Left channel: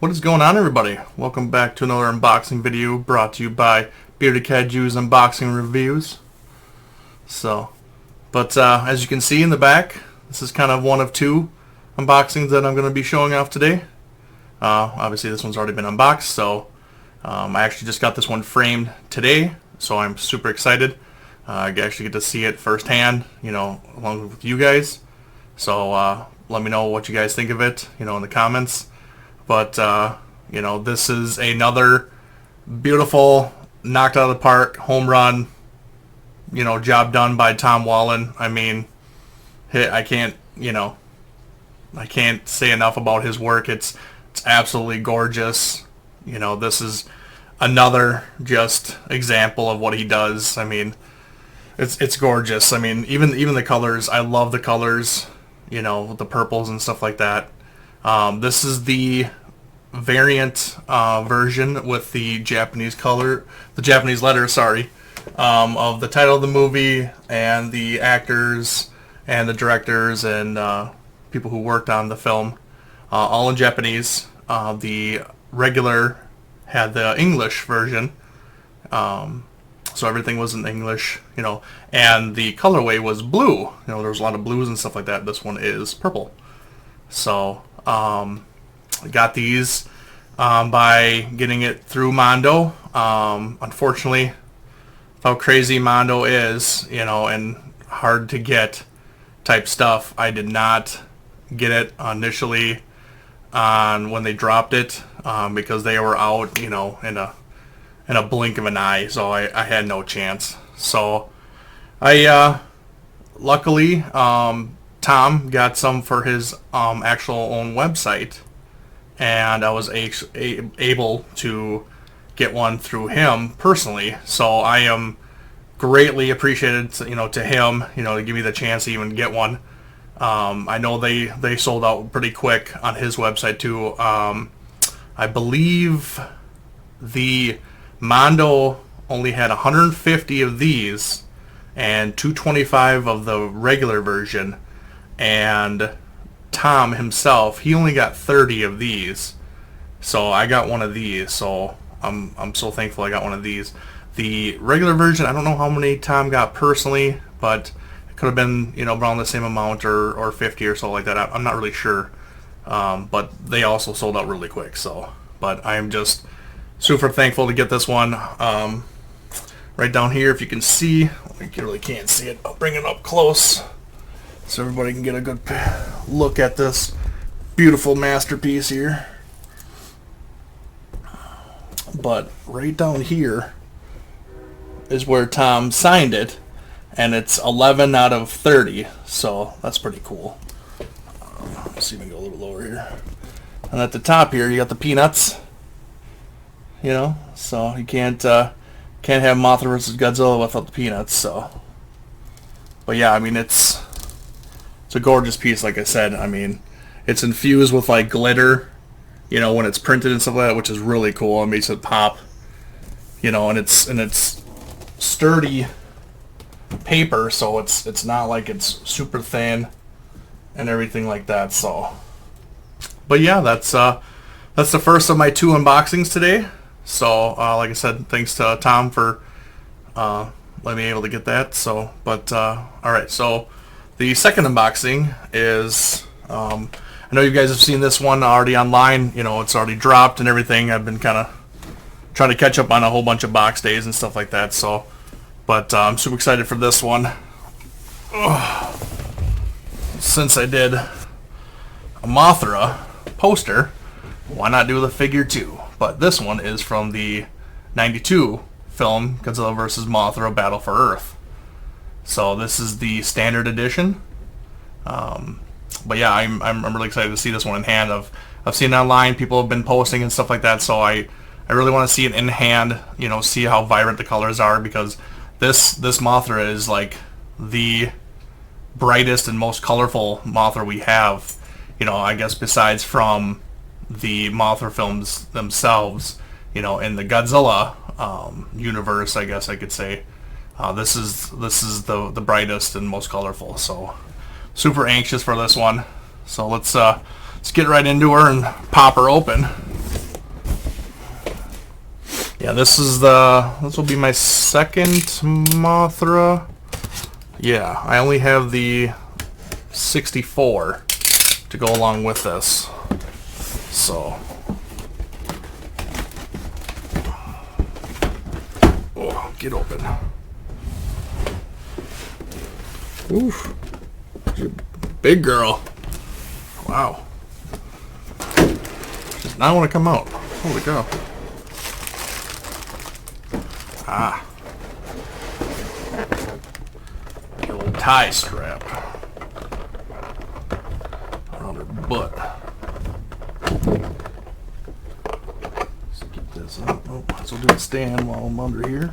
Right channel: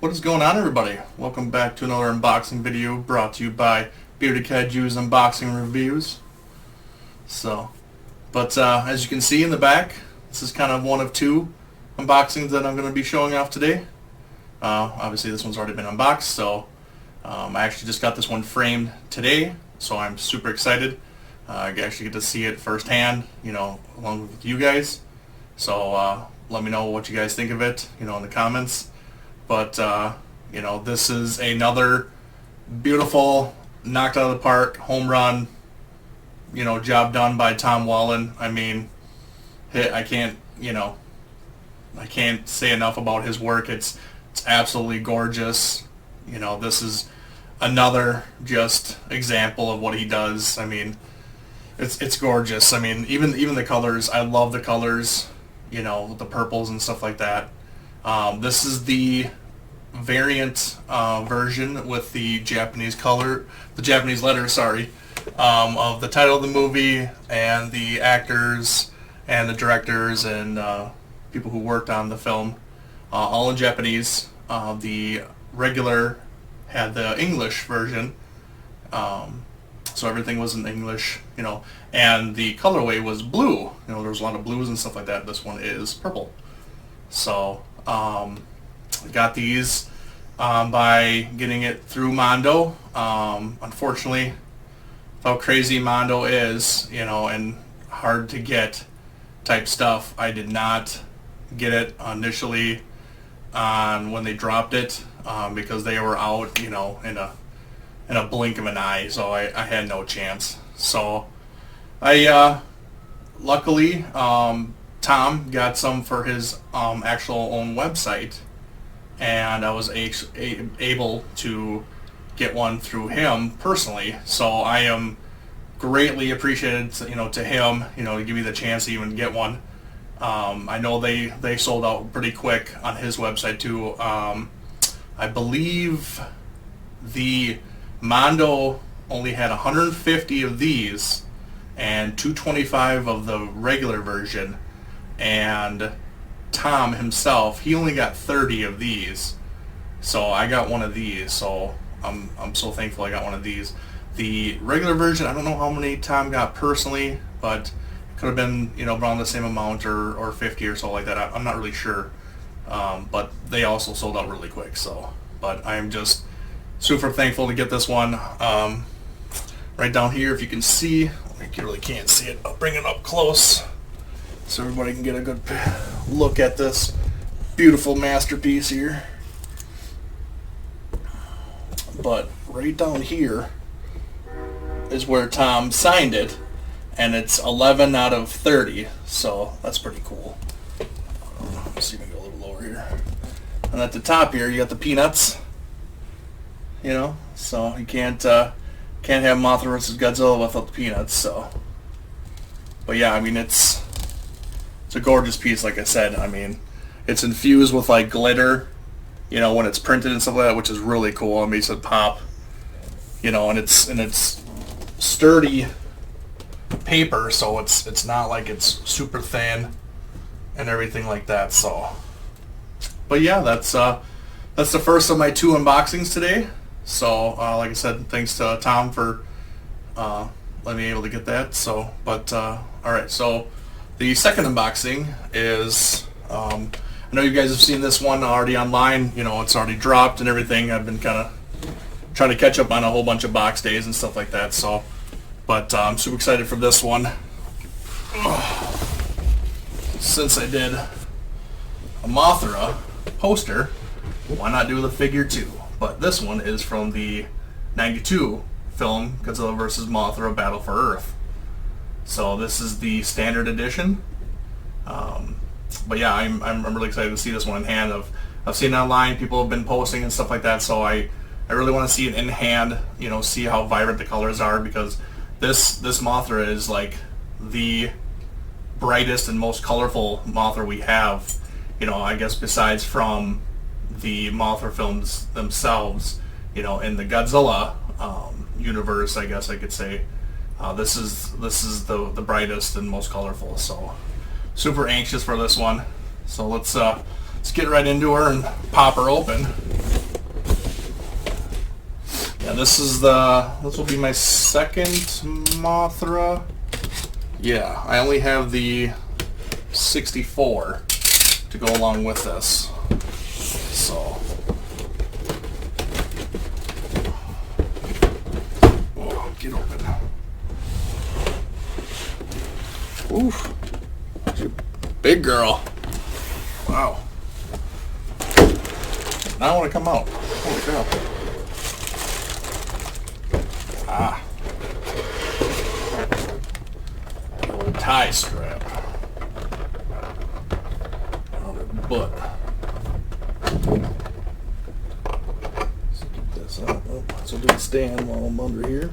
What is going on, everybody? Welcome back to another unboxing video brought to you by Bearded Cat Jew's Unboxing Reviews. As you can see in the back, this is kind of one of two unboxings that I'm going to be showing off today. Obviously this one's already been unboxed, so I actually just got this one framed today, so I'm super excited. I actually get to see it firsthand, along with you guys. So let me know what you guys think of it, in the comments. But, this is another beautiful, knocked out of the park, home run, job done by Tom Whalen. I mean, I can't say enough about his work. It's absolutely gorgeous. This is another just example of what he does. I mean, it's gorgeous. I mean, even the colors, I love the colors, with the purples and stuff like that. This is the variant version with the Japanese letters, of the title of the movie and the actors and the directors and people who worked on the film, all in Japanese. The regular had the English version, so everything was in English, and the colorway was blue. There was a lot of blues and stuff like that. This one is purple. So I got these by getting it through Mondo. Unfortunately, how crazy Mondo is, and hard to get type stuff, I did not get it initially on when they dropped it, because they were out, in a blink of an eye, so I had no chance. So I luckily Tom got some for his actual own website, and I was able to get one through him personally. So I am greatly appreciated, to him, to give me the chance to even get one. I know they sold out pretty quick on his website too. I believe the Mondo only had 150 of these and 225 of the regular version. And Tom himself, he only got 30 of these. So I got one of these. So I'm so thankful I got one of these. The regular version, I don't know how many Tom got personally, but it could have been, around the same amount or 50 or so like that. I'm not really sure. But they also sold out really quick. But I am just super thankful to get this one. Right down here, if you can see, you really can't see it. I'll bring it up close so everybody can get a good look at this beautiful masterpiece here. But right down here is where Tom signed it, and it's 11 out of 30, so that's pretty cool. Let's see if we can go a little lower here. And at the top here, you got the peanuts, so you can't have Mothra versus Godzilla without the peanuts. So, but yeah, I mean, it's a gorgeous piece, like I said. I mean, it's infused with like glitter, when it's printed and stuff like that, which is really cool. It makes it pop, and it's sturdy paper, so it's not like it's super thin and everything like that. So, but yeah, that's the first of my two unboxings today. So, like I said, thanks to Tom for letting me able to get that. So, all right. So, the second unboxing is, I know you guys have seen this one already online. It's already dropped and everything. I've been kind of trying to catch up on a whole bunch of box days and stuff like that. So, but I'm super excited for this one. Since I did a Mothra poster, why not do the figure too? But this one is from the 92 film Godzilla vs. Mothra Battle for Earth. So this is the standard edition. But yeah, I'm really excited to see this one in hand. I've seen it online, people have been posting and stuff like that, so I really want to see it in hand, see how vibrant the colors are, because this Mothra is like the brightest and most colorful Mothra we have, I guess besides from the Mothra films themselves, in the Godzilla universe, I guess I could say. This is the brightest and most colorful, so super anxious for this one. So let's get right into her and pop her open. Yeah, this will be my second Mothra. Yeah, I only have the 64 to go along with this. So, oh, get open. Oof. She's a big girl. Wow. Does not want to come out. Holy cow. Ah. The old tie strap around her butt. So get this up. Oh, so do a stand while I'm under here.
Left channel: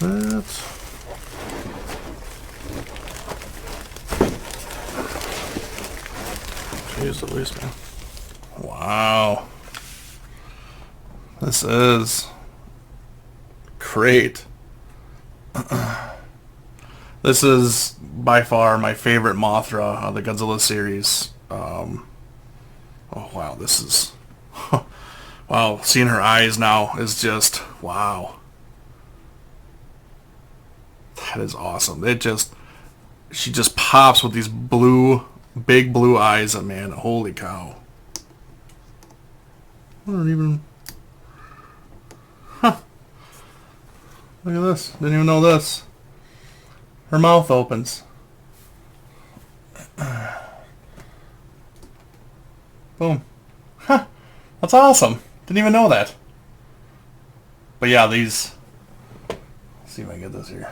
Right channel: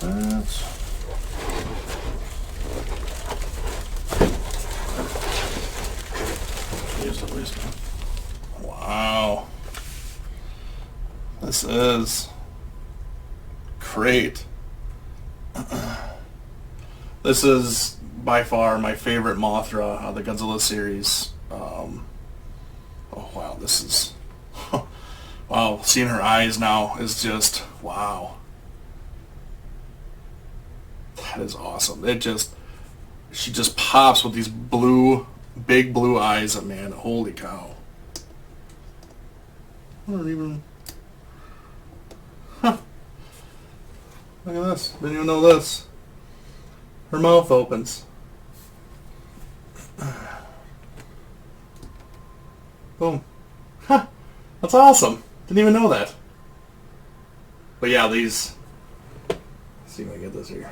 That. Jeez Louise, man. Wow. This is great. This is by far my favorite Mothra of the Godzilla series. Oh wow, this is... wow, seeing her eyes now is just... wow. That is awesome. She just pops with these big blue eyes. And man, holy cow. I don't even... Huh. Look at this. Didn't even know this. Her mouth opens. Boom. Huh. That's awesome. Didn't even know that. But yeah, these... Let's see if I get this here.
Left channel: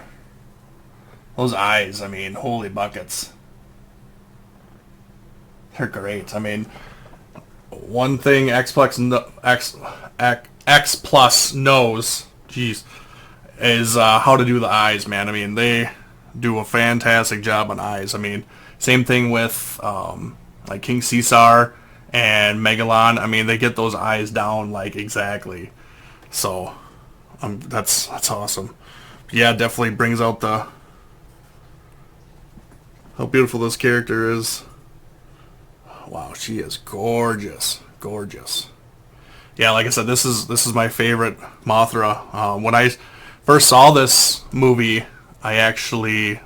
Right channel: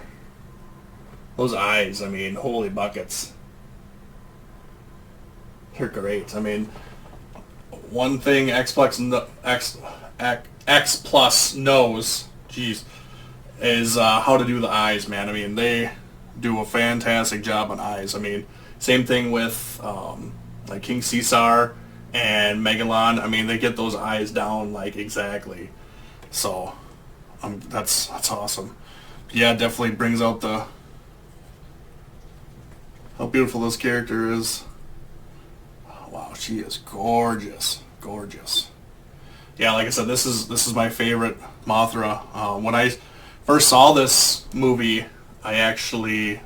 Those eyes, I mean, holy buckets. They're great. I mean, one thing X Plus knows, geez, is how to do the eyes, man. I mean, they do a fantastic job on eyes. I mean, same thing with like King Caesar and Megalon. I mean, they get those eyes down like exactly. So that's awesome. Yeah, definitely brings out the... how beautiful this character is. Wow, she is gorgeous. Gorgeous. Yeah, like I said, this is my favorite Mothra. When I first saw this movie, I actually...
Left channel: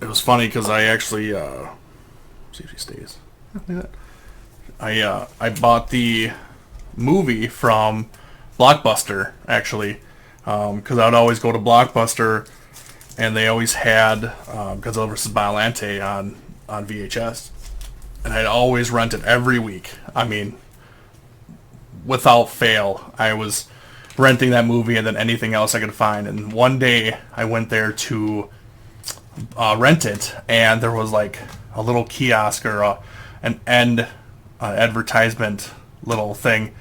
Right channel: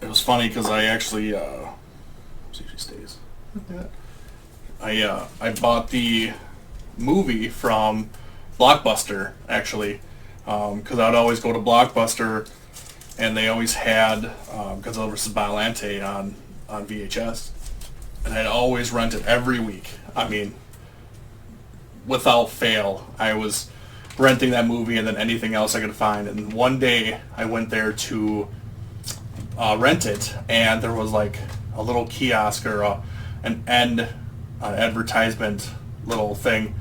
it was funny because I actually... see if she stays. I bought the movie from Blockbuster, actually. Because I would always go to Blockbuster... and they always had Godzilla vs. Biollante on VHS. And I'd always rent it every week. I mean, without fail, I was renting that movie and then anything else I could find. And one day, I went there to rent it, and there was like a little kiosk or an end advertisement little thing.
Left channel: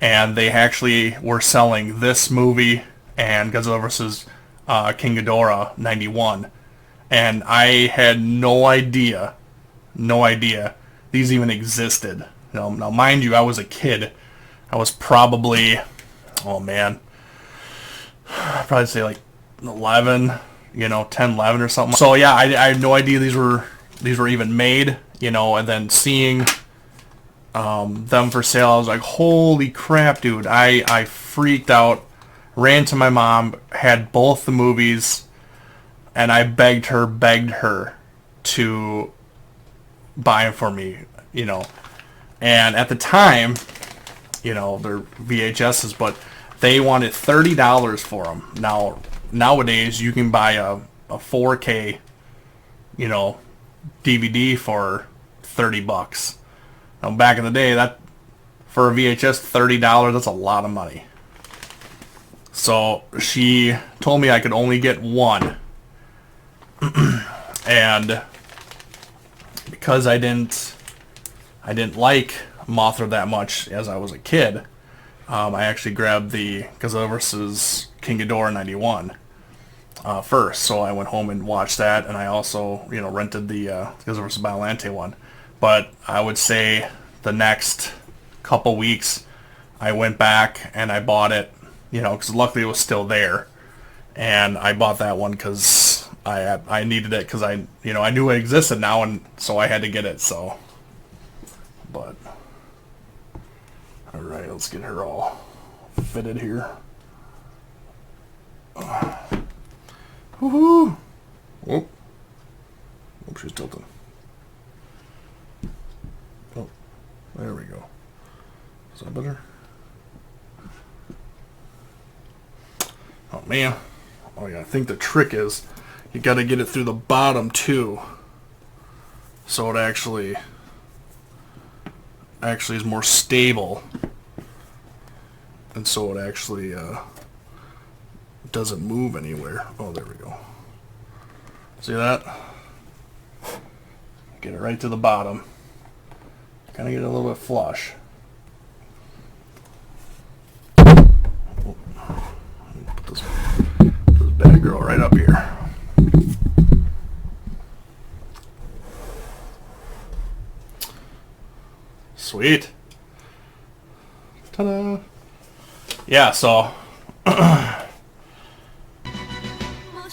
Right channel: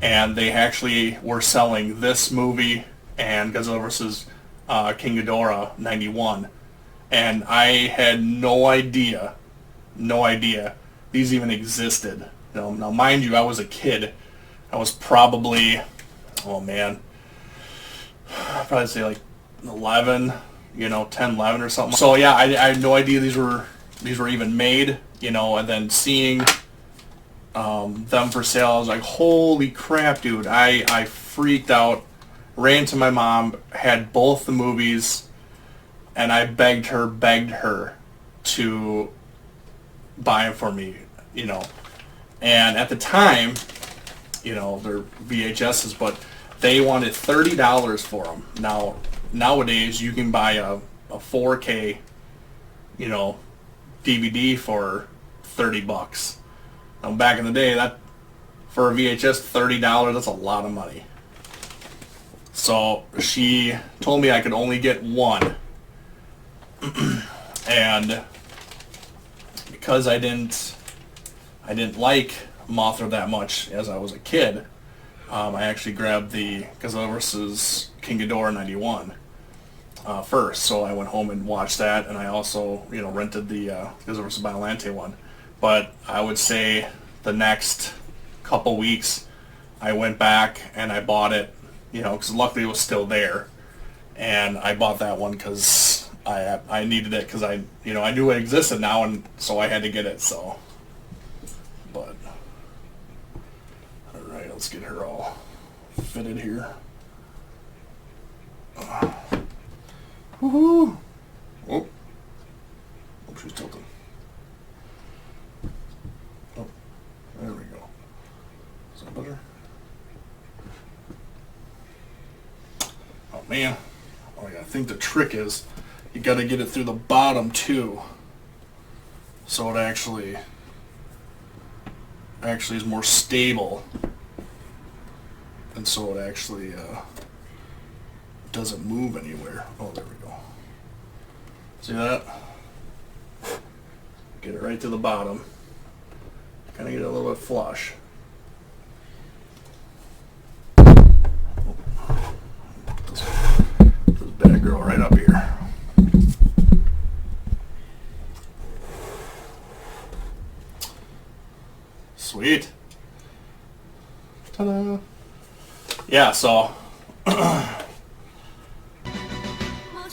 And they actually were selling this movie and Godzilla vs. King Ghidorah 91, and I had no idea these even existed. Now, mind you, I was a kid. I was probably, oh man, I'd probably say like 11, 10, 11 or something. So yeah, I had no idea these were even made, and then seeing them for sale, I was like, holy crap, dude! I freaked out. Ran to my mom, had both the movies, and I begged her to buy them for me, And at the time, they're VHSs, but they wanted $30 for them. Now, nowadays, you can buy a 4K, DVD for $30. Now, back in the day, that for a VHS, $30, that's a lot of money. So she told me I could only get one. And because I didn't like Mothra that much as I was a kid, I actually grabbed the Godzilla vs. King Ghidorah 91 first. So I went home and watched that, and I also rented the Godzilla vs. Biollante one. But I would say the next couple weeks, I went back and I bought it, you know, because luckily it was still there. And I bought that one because I needed it because I knew it existed now, and so I had to get it. So, but all right, let's get her all fitted here. Woohoo! Oh, she's tilting. Oh, there we go. Is that better? Oh man. Oh yeah, I think the trick is you got to get it through the bottom too, so it actually is more stable, and so it actually doesn't move anywhere. Oh, there we go. See that? Get it right to the bottom. Kind of get it a little bit flush. Put this bad girl right up here. Sweet. Ta-da. Yeah, so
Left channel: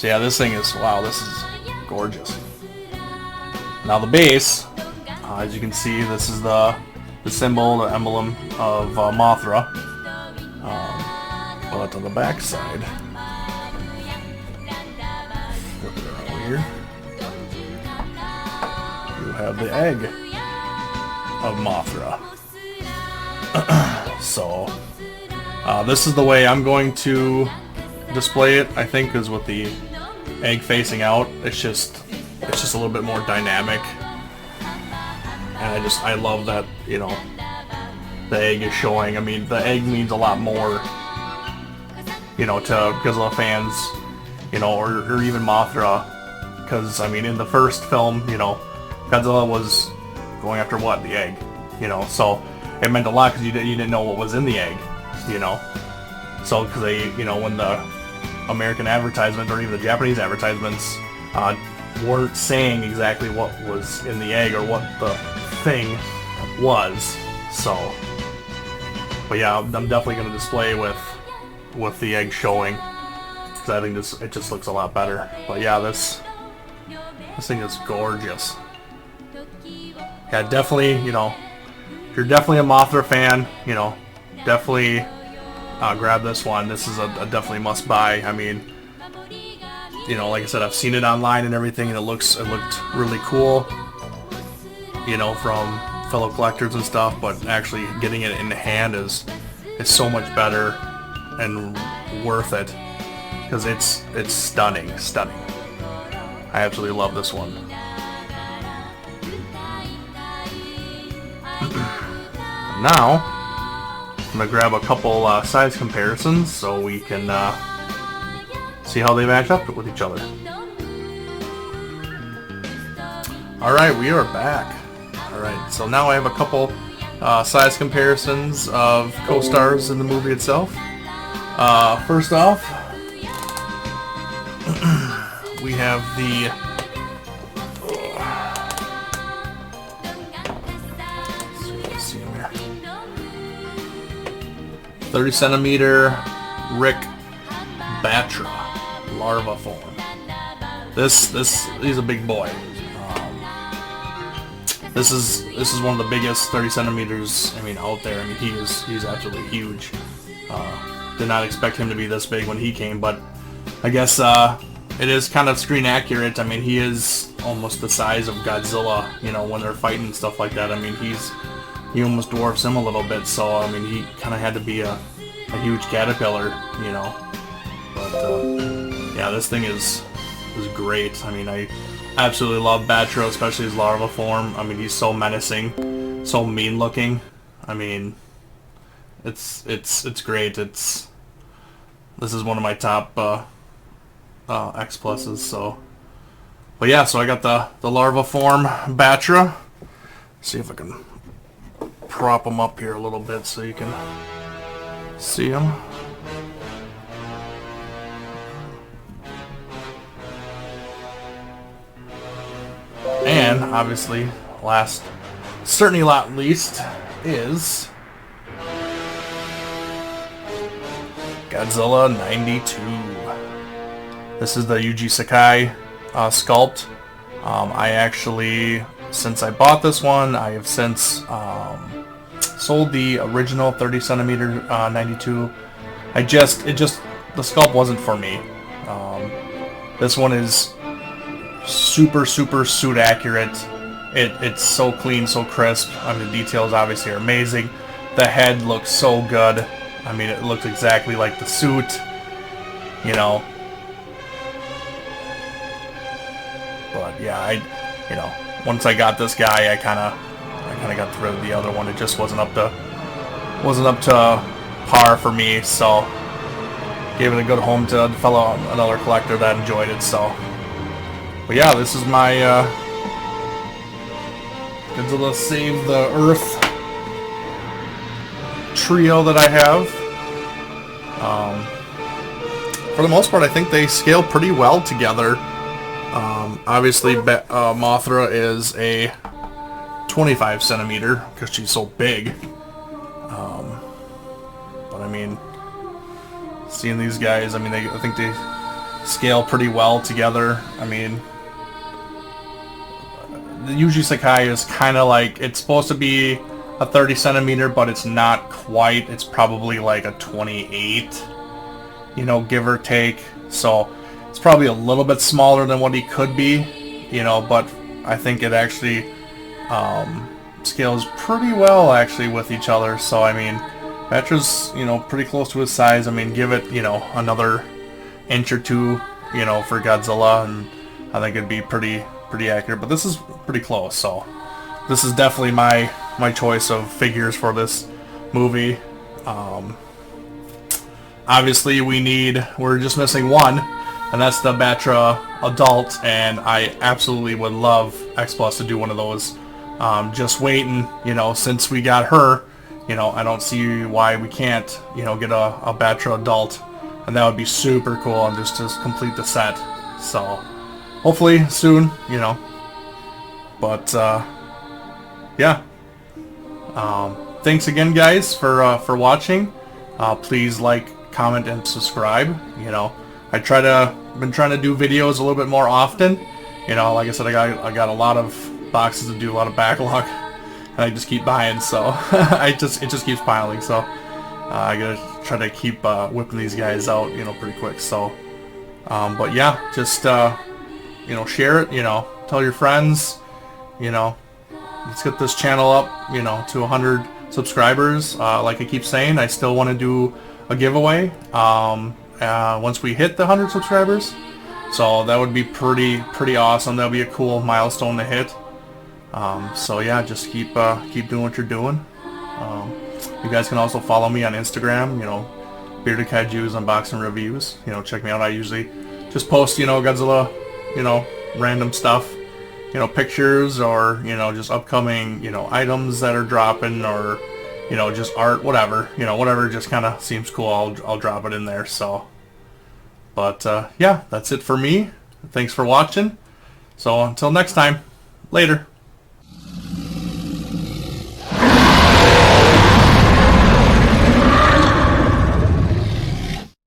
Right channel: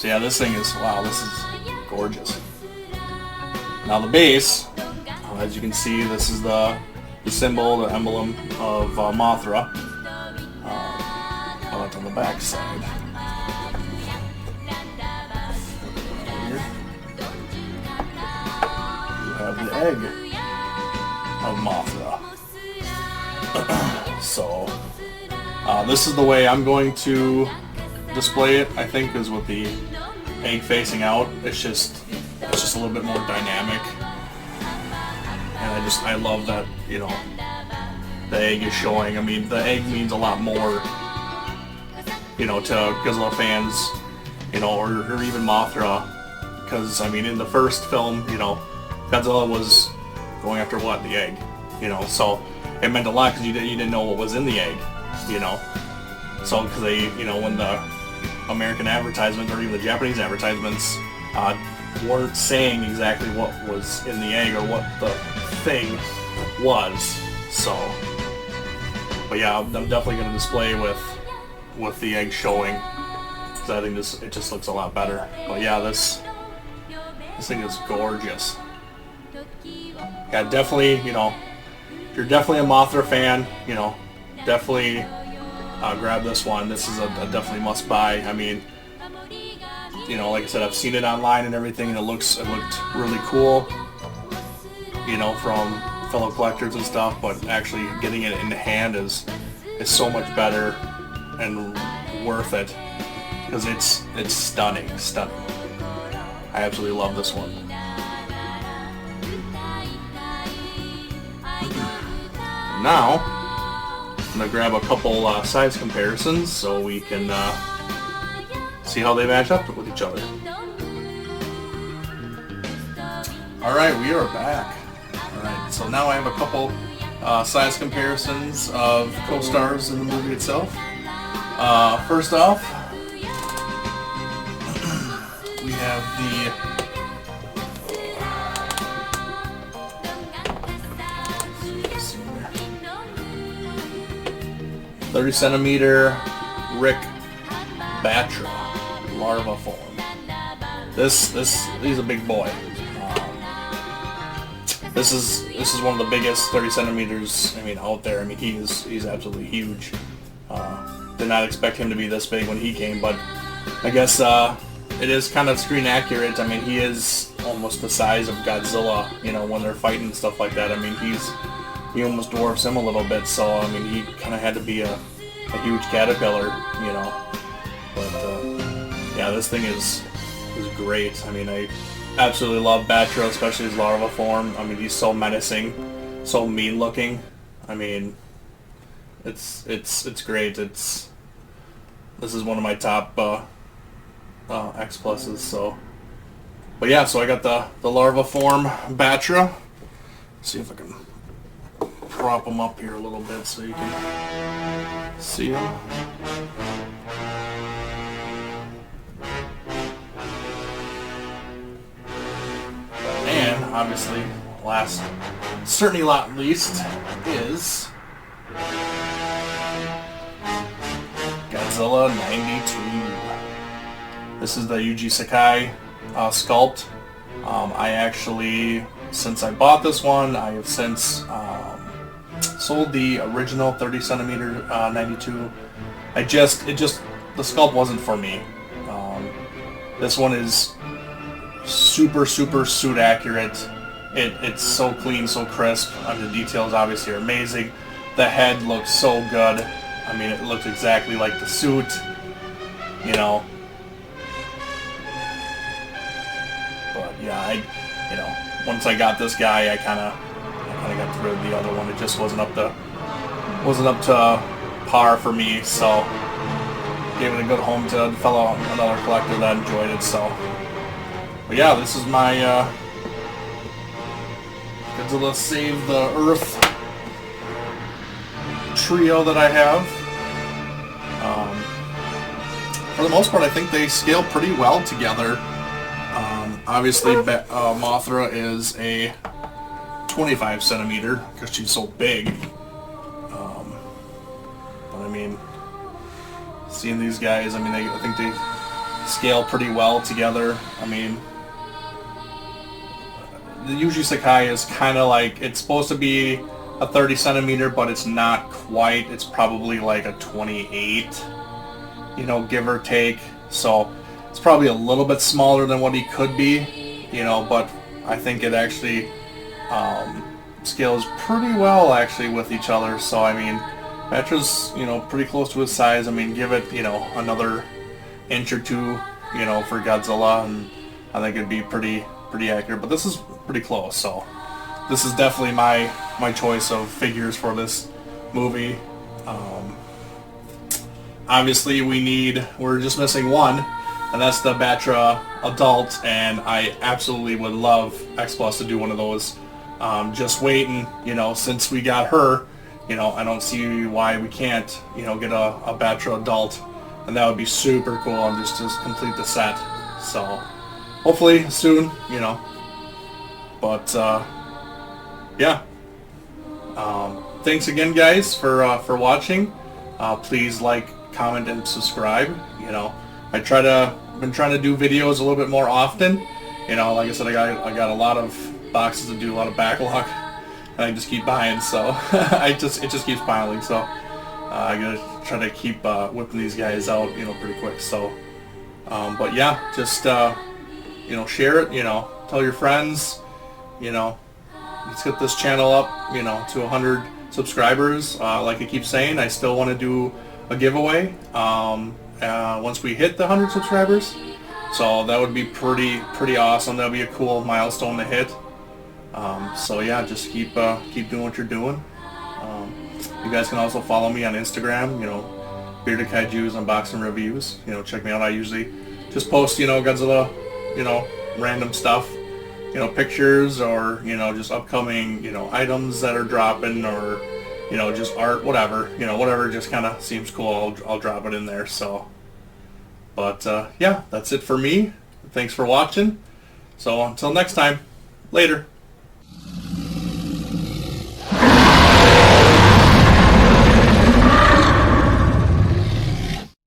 yeah, this thing is, wow, this is gorgeous. Now the base, as you can see, this is the symbol, the emblem of Mothra. But on the back side, here, you have the egg of Mothra. So this is the way I'm going to display it, I think, is with the egg facing out. It's just a little bit more dynamic, and I love that, you know, the egg is showing. I mean, the egg means a lot more, you know, to Godzilla fans, you know, or even Mothra, because I mean, in the first film, you know, Godzilla was going after what? The egg, you know, so it meant a lot because you didn't know what was in the egg, you know. So because they, you know, when the American advertisements or even the Japanese advertisements weren't saying exactly what was in the egg or what the thing was. So, but yeah, I'm definitely going to display with the egg showing, because I think it just looks a lot better. But yeah, this thing is gorgeous. Yeah, definitely, you know, if you're definitely a Mothra fan, you know, definitely grab this one. This is a definitely must buy. I mean, you know, like I said, I've seen it online and everything, and it looked really cool, you know, from fellow collectors and stuff. But actually getting it in the hand is so much better and worth it, because it's stunning. I absolutely love this one. Now, I'm going to grab a couple size comparisons so we can see how they match up with each other. Alright, we are back. Alright, so now I have a couple size comparisons of co-stars in the movie itself. First off, we have the 30 centimeter Rick Batra larva form. He's a big boy. This is one of the biggest 30 centimeters, I mean, out there. I mean, he's absolutely huge. Did not expect him to be this big when he came, but I guess it is kind of screen accurate. I mean, he is almost the size of Godzilla, you know, when they're fighting and stuff like that. I mean, he almost dwarfs him a little bit, so I mean, he kind of had to be a huge caterpillar, you know. But yeah, this thing is great. I mean, I absolutely love Batra, especially his larva form. I mean, he's so menacing, so mean looking. I mean, it's great. This is one of my top X pluses. So, but yeah, so I got the larva form Batra. See if I can prop him up here a little bit so you can see him. And obviously, certainly not least, is Godzilla 92. This is the Yuji Sakai sculpt. I actually, since I bought this one, I have since sold the original 30 centimeter 92. The sculpt wasn't for me. This one is super suit accurate. It's so clean, so crisp. I mean, the details obviously are amazing. The head looks so good. I mean, it looks exactly like the suit, you know. But yeah, once I got this guy, I kind of got rid of the other one. It just wasn't up to par for me, so gave it a good home to another collector that enjoyed it. So, but yeah, this is my Godzilla Save the Earth trio that I have. For the most part, I think they scale pretty well together. Obviously, Mothra is a 25 centimeter because she's so big. But I mean, seeing these guys, I mean, I think they scale pretty well together. I mean, the Yuji Sakai is kind of like, it's supposed to be a 30 centimeter, but it's not quite. It's probably like a 28, give or take. So it's probably a little bit smaller than what he could be, but I think it actually scales pretty well actually with each other. So I mean, Vetra's pretty close to his size. I mean, give it another inch or two for Godzilla, and I think it'd be pretty accurate. But this is pretty close, so this is definitely my choice of figures for this movie. Obviously, we're just missing one, and that's the Batra adult, and I absolutely would love X Plus to do one of those. Just waiting, since we got her, I don't see why we can't, get a Batra adult, and that would be super cool, and just to complete the set. So, hopefully soon, but yeah. Thanks again, guys, for watching. Please like, comment, and subscribe. I've been trying to do videos a little bit more often. Like I said, I got a lot of boxes to do, a lot of backlog, and I just keep buying, so it just keeps piling. So I gotta try to keep whipping these guys out, pretty quick. So, but yeah, just share it. Tell your friends. Let's get this channel up, to 100 subscribers. Like I keep saying, I still want to do a giveaway once we hit the 100 subscribers. So that would be pretty awesome. That would be a cool milestone to hit. So yeah, just keep doing what you're doing. You guys can also follow me on Instagram. Bearded Kaiju's unboxing reviews. Check me out. I usually just post Godzilla, random stuff. Pictures, or just upcoming items that are dropping, or just art, whatever whatever just kind of seems cool, I'll drop it in there. So, but yeah, that's it for me. Thanks for watching. So until next time, later.